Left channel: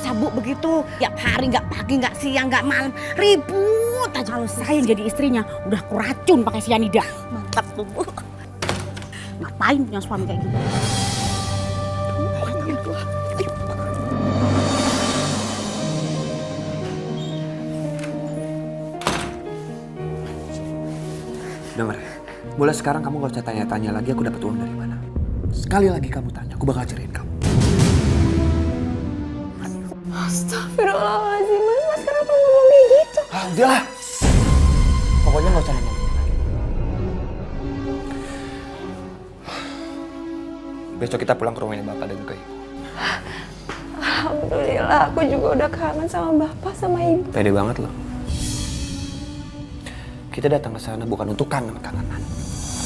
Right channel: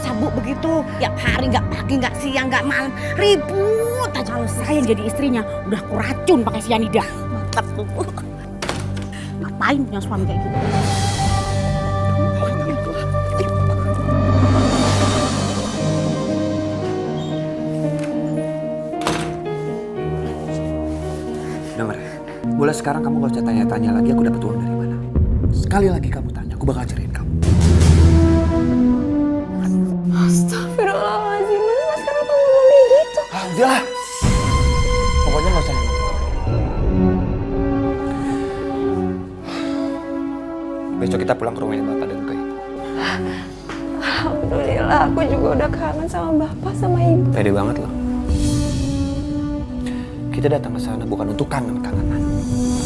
masa Bu begitu? Tiap hari nggak pagi, nggak siang, nggak malam, ribut aja. Kalau saya yang jadi istrinya udah kuracun pakai sianida. Mantap tuh Bu. Ngapain punya suami kayak gitu? Dengar, mulai sekarang kamu gak usah tanya-tanya lagi aku dapat uang dari mana. Sekali lagi kamu tanya, aku bakal ceraiin kamu. Astagfirullahaladzim, Mas kenapa ngomong kayak gitu? Ah, udahlah. Pokoknya gak usah nanya lagi. Besok kita pulang ke rumahnya Bapak dan ke Ibu. Alhamdulillah, aku juga udah kangen sama Bapak sama Ibu. Pede banget loh. Kita datang ke sana bukan untuk kangen-kangenan.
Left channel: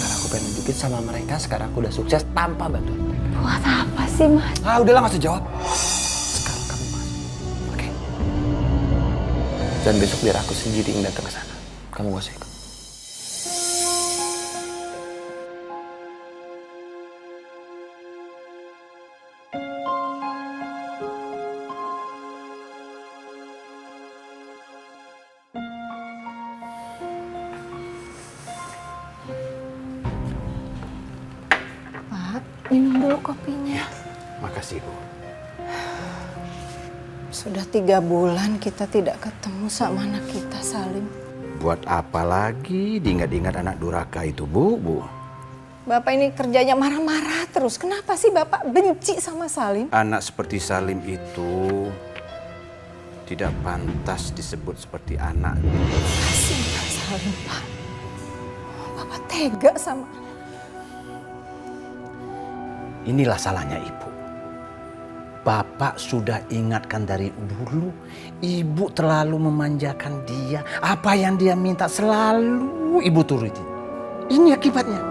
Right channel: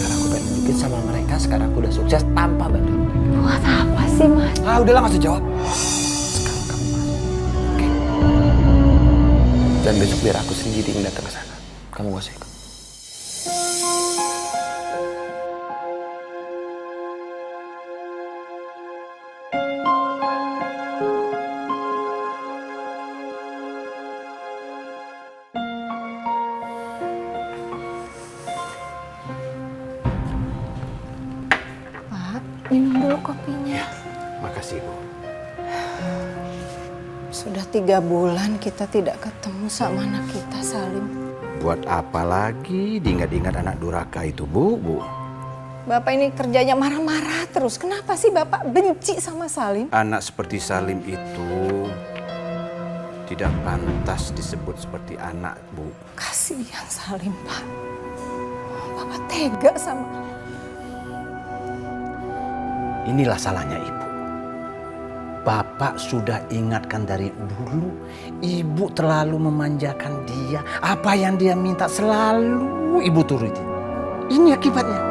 Karena aku pengen nunjukin sama mereka sekarang aku udah sukses tanpa bantuan mereka. Buat apa sih, Mas? Ah, udahlah gak usah jawab. Sekarang kamu masuk. Oke? Dan besok biar aku sendiri yang datang ke sana. Kamu gak usah ikut. Pak, minum dulu kopinya. Makasih, Bu. Sudah 3 bulan kita tidak ketemu sama anak kita, Salim. Buat apa lagi diingat-ingat anak durhaka itu, Bu? Bapak ini kerjanya marah-marah terus. Kenapa sih Bapak benci sama Salim? Anak seperti Salim itu tidak pantas disebut seperti anak. Kasihan Salim, Pak. Bapak tega sama... Inilah salahnya Ibu. Bapak sudah ingatkan dari dulu, Ibu terlalu memanjakan dia. Apa yang dia minta selalu Ibu turutin. Ini akibatnya.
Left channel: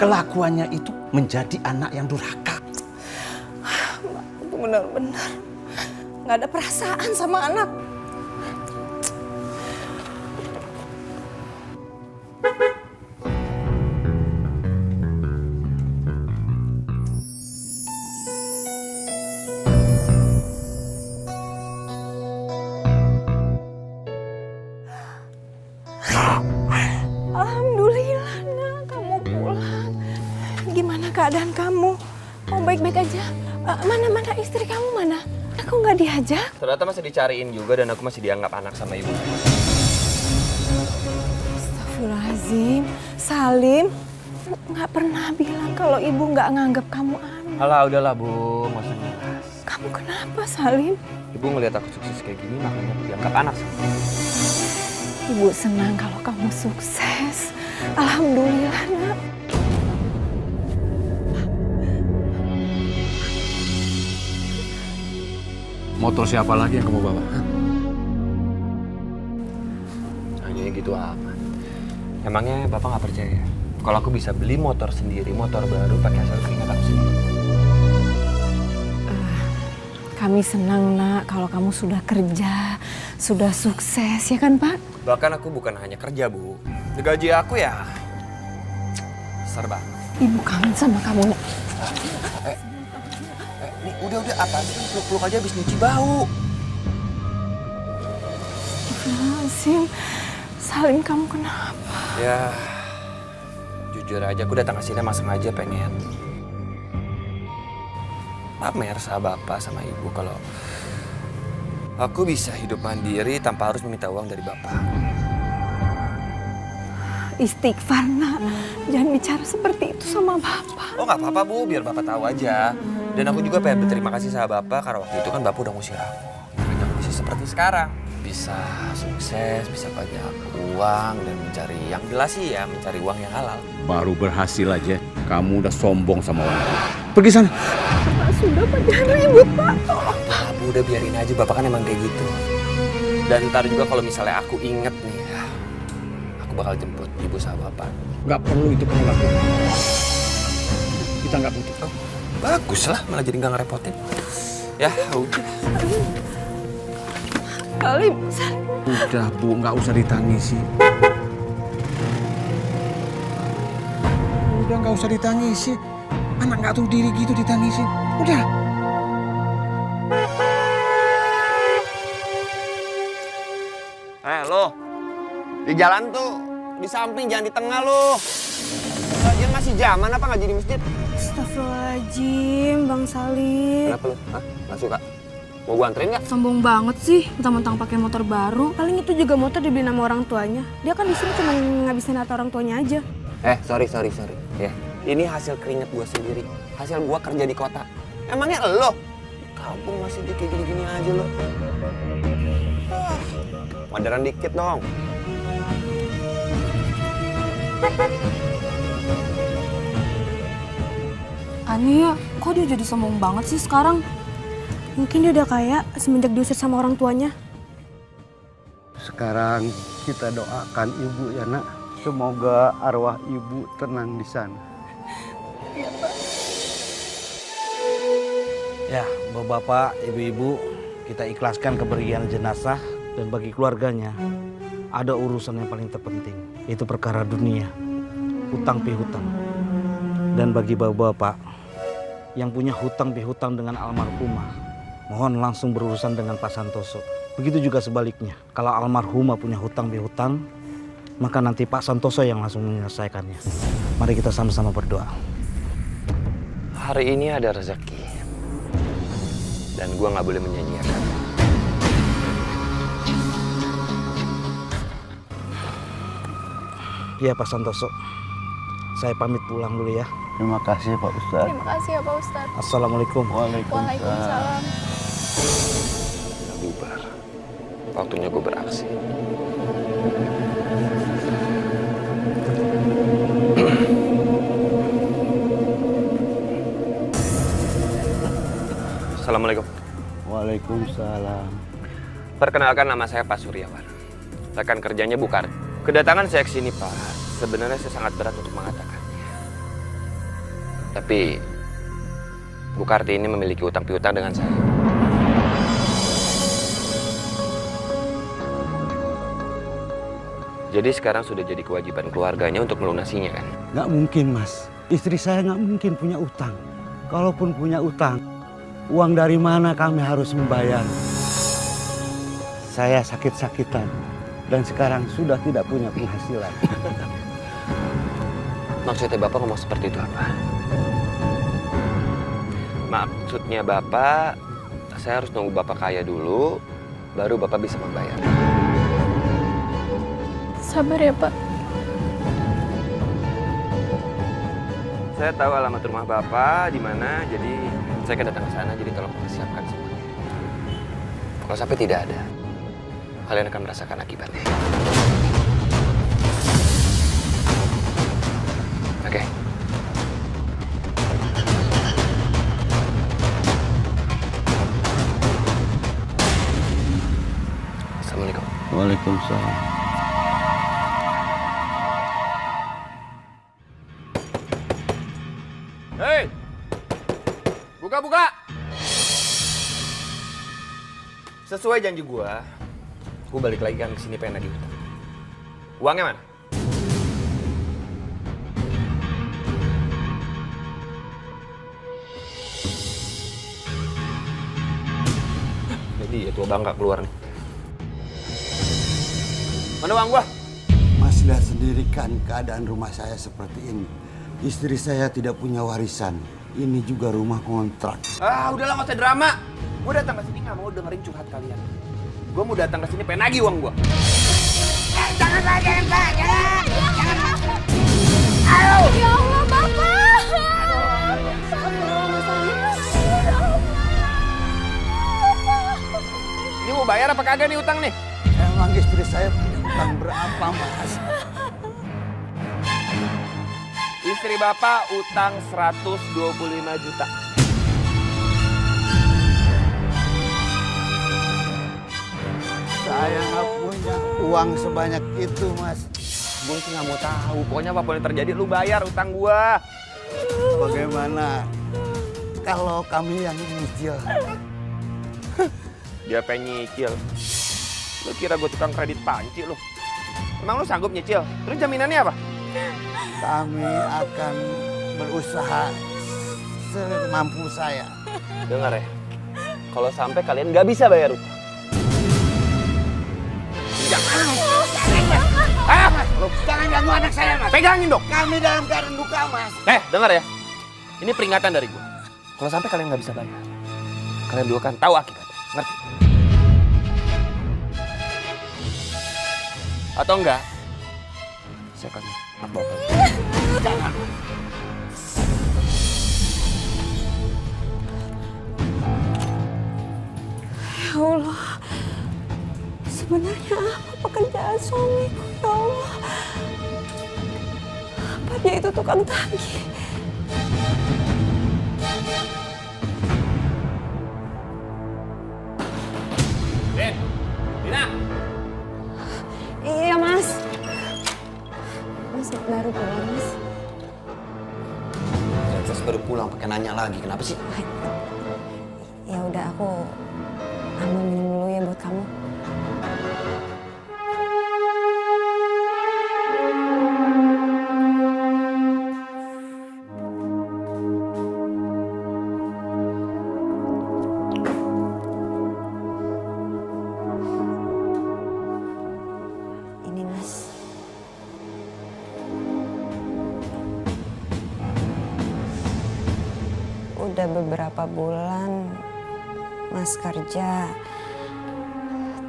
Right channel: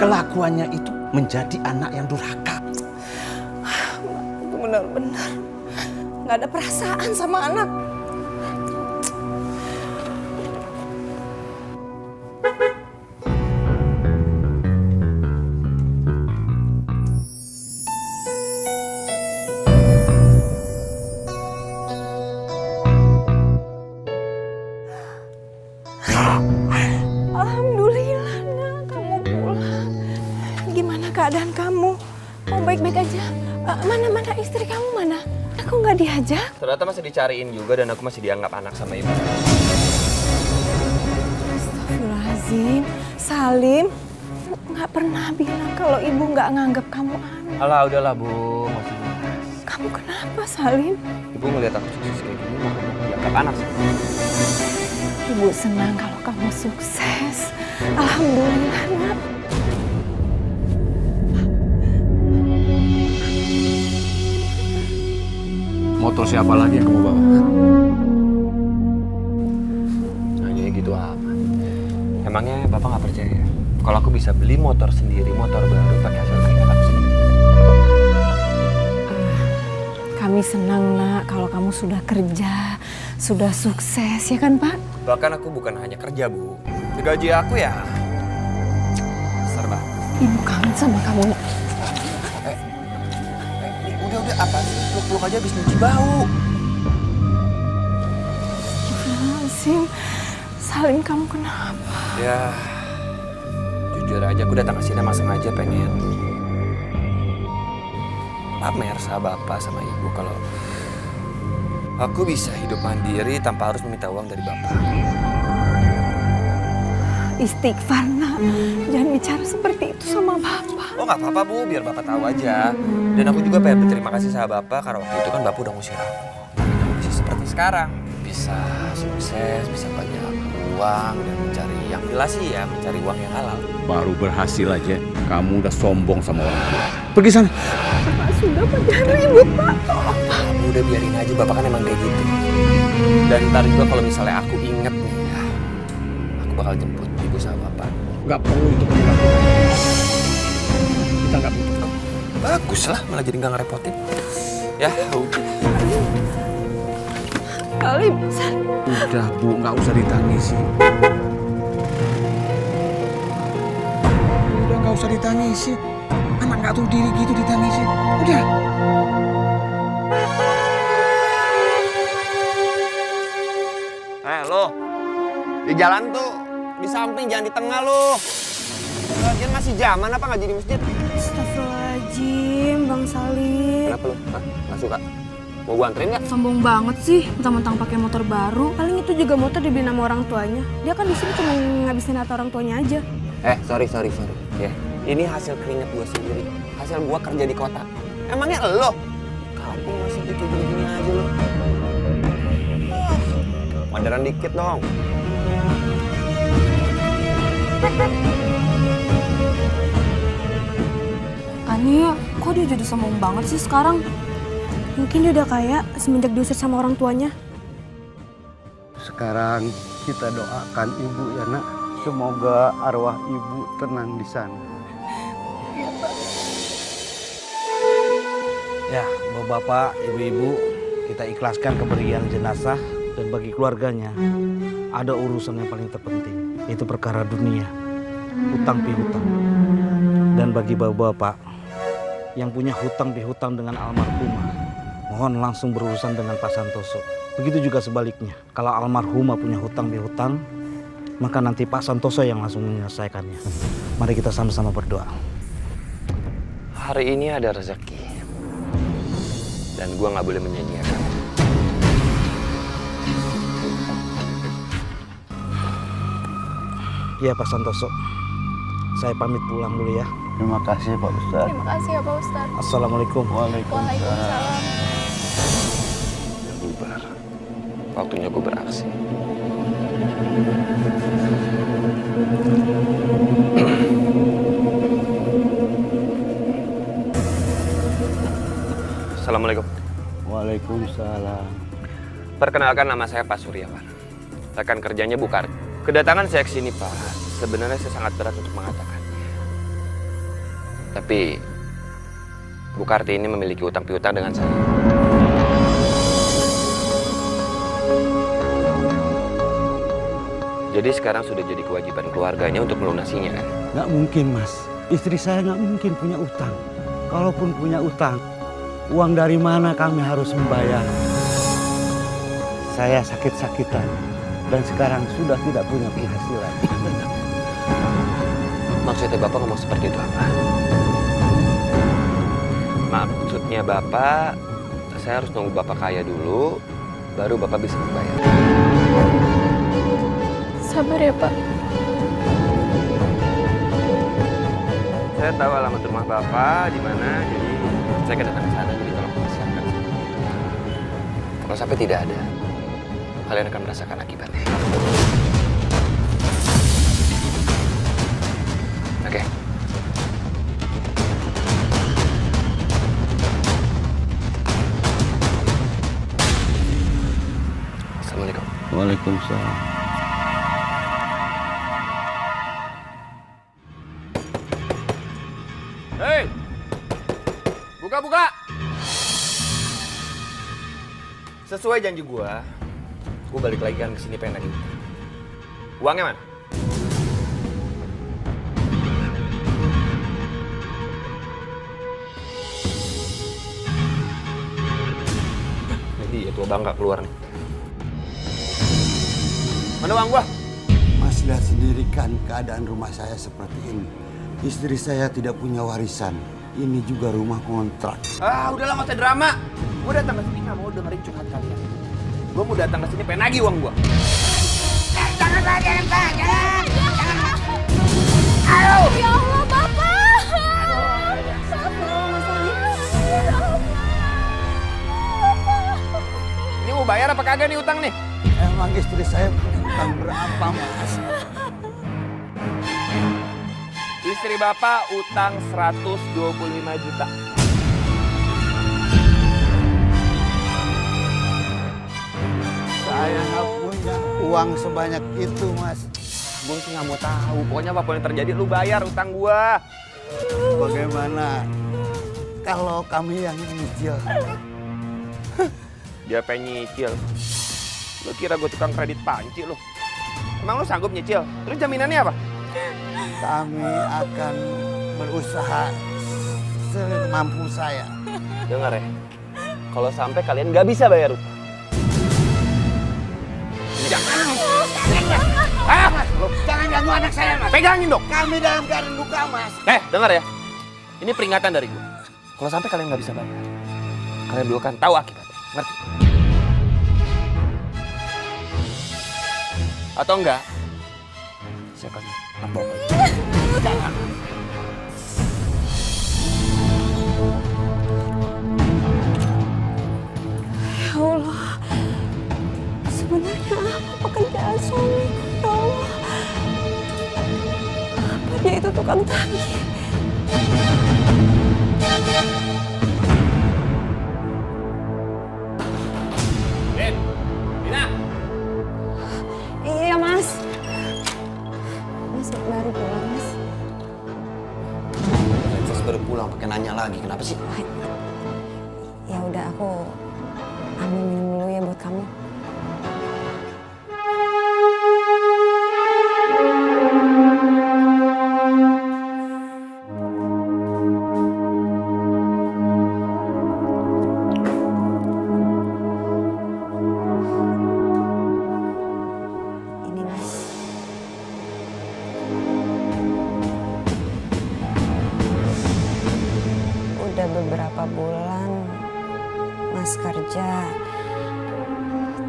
Kelakuannya itu menjadi anak yang durhaka. Itu benar-benar nggak ada perasaan sama anak. Alhamdulillah, nak, kamu pulang. Gimana keadaan kamu? Kamu baik-baik aja? Mana istri kamu mana? Aku nggak diajak. Ternyata masih dicariin juga dan aku masih dianggap anak sama Ibu. Astagfirullahaladzim, Salim nggak pernah bilang kalau ibu nggak nganggap kamu anak. Alah, udahlah Bu, nggak usah ngebahas. Kamu kenapa, Salim? Ibu ngeliat aku sukses kayak gini, makanya aku dianggap anak sama Ibu. Ibu senang kalau kamu sukses. Alhamdulillah, nak. Motor siapa lagi yang kamu bawa? Hanya gitu aman. Emangnya Bapak nggak percaya? Kalau aku bisa beli motor sendiri, motor baru pakai hasil keringat aku sendiri. Kami senang, nak, kalau kamu sudah kerja, sudah sukses, ya kan, Pak? Bahkan aku bukan hanya kerja, Bu. Gaji aku ya besar banget. Ibu kangen sama kamu, nak. Nih, udah apa sih? Peluk-peluk aja habis nyuci bau. Astagfirullahaladzim. Salim, kamu kenapa? Ya, jujur aja aku datang ke sini emang sengaja pengen pamer sama Bapak sama Ibu kalau aku bisa hidup mandiri tanpa harus meminta uang dari Bapak. Istighfar, nak. Jangan bicara seperti itu sama Bapak. Oh nggak apa-apa Bu, biar Bapak tahu aja. Dan aku juga pengen berterima kasih sama Bapak karena waktu itu kan Bapak udah ngusir aku. Makanya aku bisa seperti sekarang. Bisa sukses, bisa banyak uang dan mencari yang jelas sih ya, mencari uang yang halal. Baru berhasil aja, kamu udah sombong sama orang tua. Pergi sana. Pak, sudah, Pak. Jangan ribut, Pak. Udah, Bu, udah biarin aja, Bapak kan emang kayak gitu. Dan ntar juga kalau misalnya aku inget nih ya, aku bakal jemput Ibu sama Bapak. Nggak perlu itu kamu lakukan. Kita nggak butuh. Oh, bagus lah, malah jadi nggak ngerepotin. Ya, udah. Salim. Udah Bu, nggak usah ditangisi. Udah nggak usah ditangisi. Anak nggak tahu diri gitu ditangisi. Udah. Di jalan tuh, di samping, jangan di tengah lu. Lagian masih zaman apa ngaji di masjid? Astagfirullahaladzim, Bang Salim. Kenapa lu? Hah? Nggak suka? Mau gua anterin nggak? Sombong banget sih, mentang-mentang pakai motor baru. Paling itu juga motor dibeli sama orang tuanya. Dia kan di sini cuma ngabisin harta orang tuanya aja. Sorry. Ya, ini hasil keringet gua sendiri. Hasil gua kerja di kota. Emangnya lo? Kampung masih kayak gini-gini aja lo. Modern dikit dong. Aneh, kok dia jadi sombong banget sih sekarang? Mungkin dia udah kaya semenjak diusir sama orang tuanya. Sekarang kita doakan ibu ya nak. Semoga arwah ibu tenang di sana. Ya, bapak-bapak, ibu-ibu, kita ikhlaskan kepergian jenazah dan bagi keluarganya ada urusan yang paling terpenting, yaitu perkara dunia, hutang pihutang. Dan bagi bapak-bapak yang punya hutang pihutang dengan almarhumah, mohon langsung berurusan dengan Pak Santoso. Begitu juga sebaliknya, kalau almarhumah punya hutang pihutang, maka nanti Pak Santoso yang langsung menyelesaikannya. Mari kita sama-sama berdoa. Hari ini ada rezeki. Dan gua nggak boleh menyanyiakan. Ya Pak Santoso, saya pamit pulang dulu ya. Terima kasih Pak Ustadz. Terima kasih ya Pak Ustadz. Assalamualaikum. Waalaikumsalam. Ya bubar. Waktunya gue beraksi. Assalamualaikum. Waalaikumsalam. Perkenalkan, nama saya Pak Suryawan. Rekan kerjanya Bu Karti. Kedatangan saya ke sini, Pak, sebenarnya saya sangat berat untuk mengatakannya. Tapi Bu Karti ini memiliki utang piutang dengan saya. Jadi sekarang sudah jadi kewajiban keluarganya untuk melunasinya, kan? Nggak mungkin mas. Istri saya nggak mungkin punya utang. Kalaupun punya utang, uang dari mana kami harus membayar? Saya sakit-sakitan dan sekarang sudah tidak punya penghasilan. Maksudnya Bapak ngomong seperti itu apa? Maksudnya Bapak, saya harus nunggu Bapak kaya dulu, baru Bapak bisa membayar. Sabar ya Pak. Saya tahu alamat rumah Bapak di mana, jadi saya akan datang ke sana, jadi tolong persiapkan semuanya. Kalau sampai tidak ada, kalian akan merasakan akibatnya. Oke. Assalamualaikum. Waalaikumsalam. Hei! Buka! Sesuai janji gua balik lagi kan ke sini pengen lagi utang. Uangnya mana? Jadi ya tua bangga keluar nih. Mana uang gua? Mas lihat sendiri kan keadaan rumah saya seperti ini. Istri saya tidak punya warisan. Ini juga rumah kontrak. Udahlah nggak usah drama. Gue datang ke sini nggak mau dengerin curhat kalian. Gue mau datang ke sini pengen nagih uang gue. Jangan Pak. Ayo. Ya Allah Bapak. Ini mau bayar apa kagak nih utang nih? Emang istri saya punya utang berapa mas? Istri Bapak utang 125 juta. Saya nggak punya uang sebanyak itu mas. Gue sih nggak mau tahu. Pokoknya apapun yang terjadi lu bayar utang gua. Bagaimana kalau kami yang nyicil? Dia pengen nyicil. Lu kira gue tukang kredit panci lu? Emang lu sanggup nyicil? Terus jaminannya apa? Kami akan berusaha semampu saya. Dengar ya, kalau sampai kalian nggak bisa bayar utang. Jangan. Loh, jangan ganggu anak saya, Mas. Pegangin dong. Kami dalam keadaan luka, Mas. Dengar ya. Ini peringatan dari gue. Kalau sampai kalian nggak bisa bayar, kalian dulu kan tahu akibatnya. Ngerti? Atau enggak? Saya akan bawa kalian. Jangan. Ya Allah, sebenarnya apa pekerjaan suamiku ya Allah? Apa dia itu tukang tagih? Ben, Dina. Iya Mas. Mas baru pulang Mas. Travis baru pulang pakai nanya lagi. Kenapa sih? Ya udah aku ambil minum dulu ya buat kamu. Ini Mas. Udah beberapa bulan Mas kerja,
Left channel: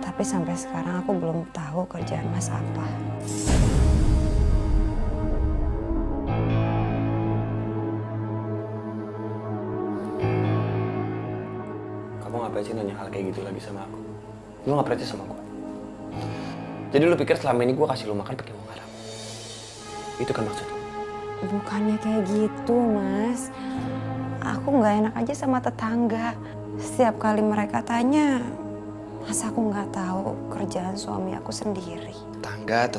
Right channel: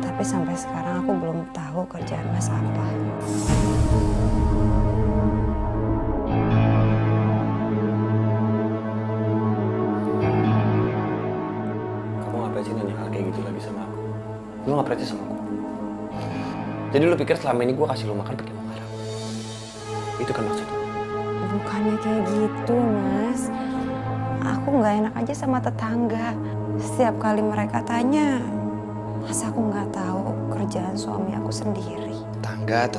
tapi sampai sekarang aku belum tahu kerjaan Mas apa. Kamu ngapain sih nanya hal kayak gitu lagi sama aku? Lu nggak percaya sama aku? Jadi lu pikir selama ini gue kasih lu makan pakai uang haram? Itu kan maksud lu? Bukannya kayak gitu, Mas. Aku nggak enak aja sama tetangga. Setiap kali mereka tanya, masa aku nggak tahu kerjaan suami aku sendiri. Tetangga.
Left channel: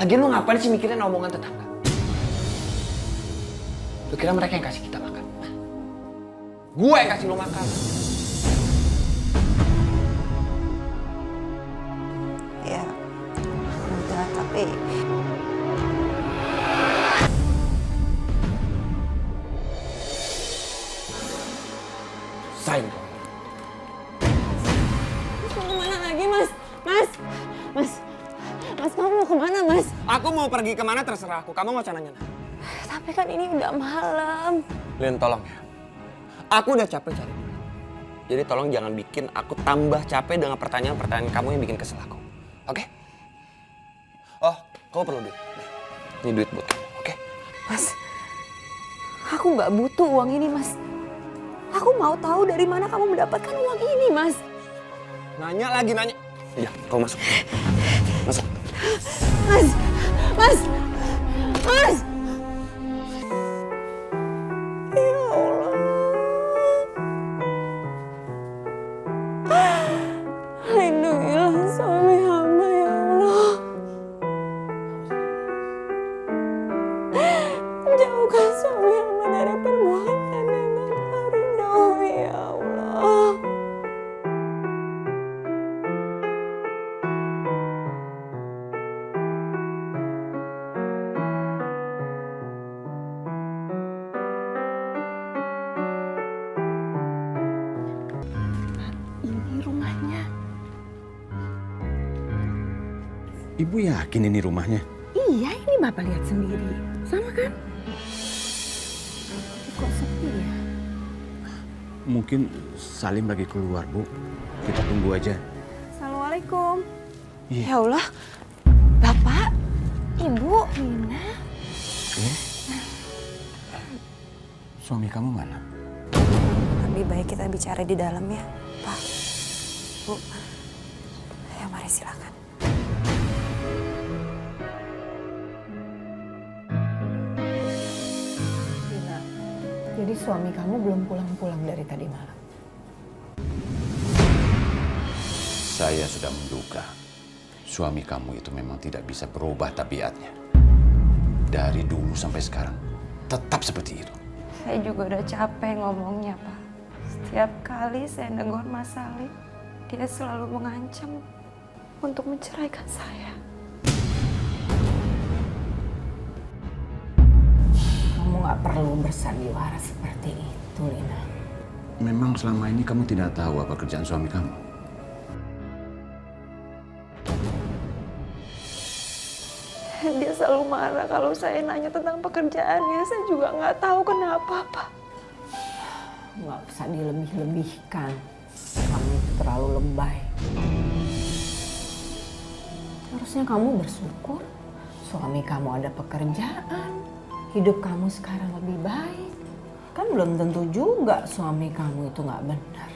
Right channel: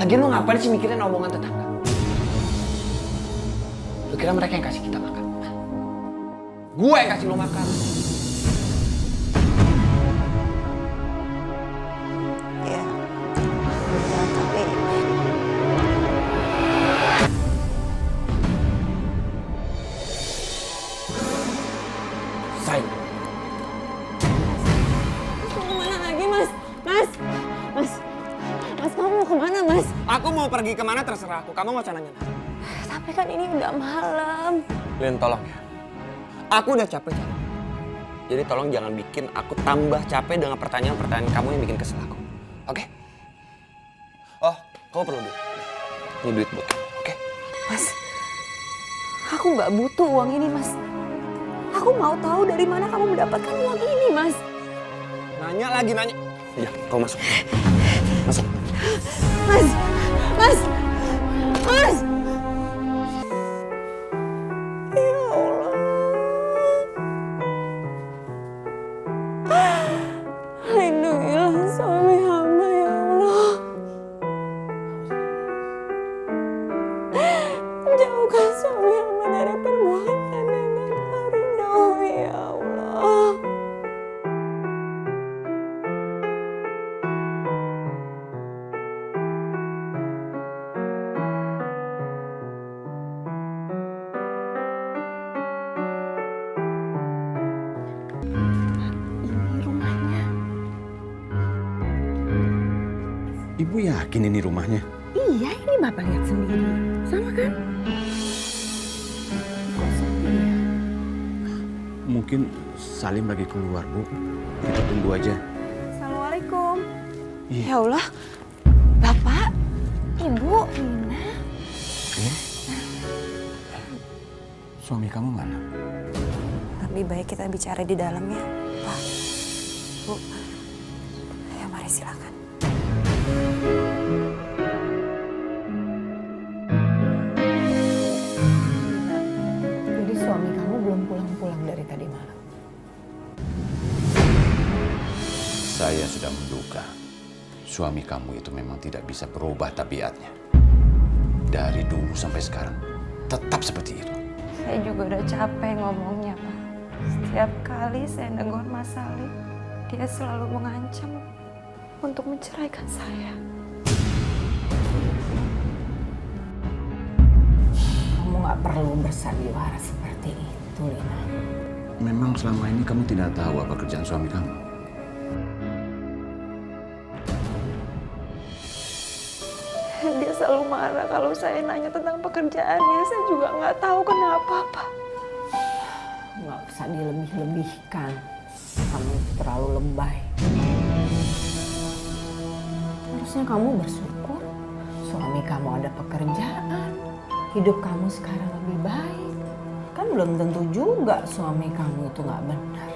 Lagian lu ngapain sih mikirin omongan tetangga? Lu kira mereka yang kasih kita makan? Gue yang kasih lu makan. Ya, udah, tapi Sain. Mas mau kemana lagi, Mas? Mas, kamu mau kemana, Mas? Aku mau pergi kemana terserah aku. Kamu nggak usah nanya. Tapi kan ini udah malam. Lin, tolong ya. Aku udah capek cari. Jadi tolong jangan bikin aku tambah capek dengan pertanyaan-pertanyaan kamu yang bikin kesel aku. Oke? Oh, kamu perlu duit. Ini duit buat kamu, oke? Mas, aku nggak butuh uang ini, Mas. Aku mau tahu dari mana kamu mendapatkan uang ini, Mas. Nanya lagi, nanya. Iya, kau masuk. Masuk. Mas! Ya Allah. Lindungilah suami hamba, ya Allah. Jauhkan suami hamba dari perbuatan yang tak kau ridhoi, ya Allah. Ini rumahnya. Ibu yakin ini rumahnya? Iya, ini Bapak lihat sendiri. Sama kan? Kok sepi ya? Mungkin Salim lagi keluar, Bu. Kita tunggu aja. Assalamualaikum. Iya. Ya Allah, Bapak, Ibu, Nina. Suami kamu mana? Lebih baik kita bicara di dalam ya, Pak. Bu, ya mari silakan. Nina, jadi suami kamu belum pulang-pulang dari tadi malam? Saya sudah menduga suami kamu itu memang tidak bisa berubah tabiatnya. Dari dulu sampai sekarang tetap seperti itu. Saya juga udah capek ngomongnya, Pak. Setiap kali saya negur Mas Salim, dia selalu mengancam untuk menceraikan saya. Kamu nggak perlu bersandiwara seperti itu, Lina. Memang selama ini kamu tidak tahu apa kerjaan suami kamu? Dia selalu marah kalau saya nanya tentang pekerjaannya. Saya juga nggak tahu kenapa, Pak. Nggak usah dilebih-lebihkan. Kamu itu terlalu lebay. Harusnya kamu bersyukur suami kamu ada pekerjaan. Hidup kamu sekarang lebih baik. Kan belum tentu juga suami kamu itu nggak benar.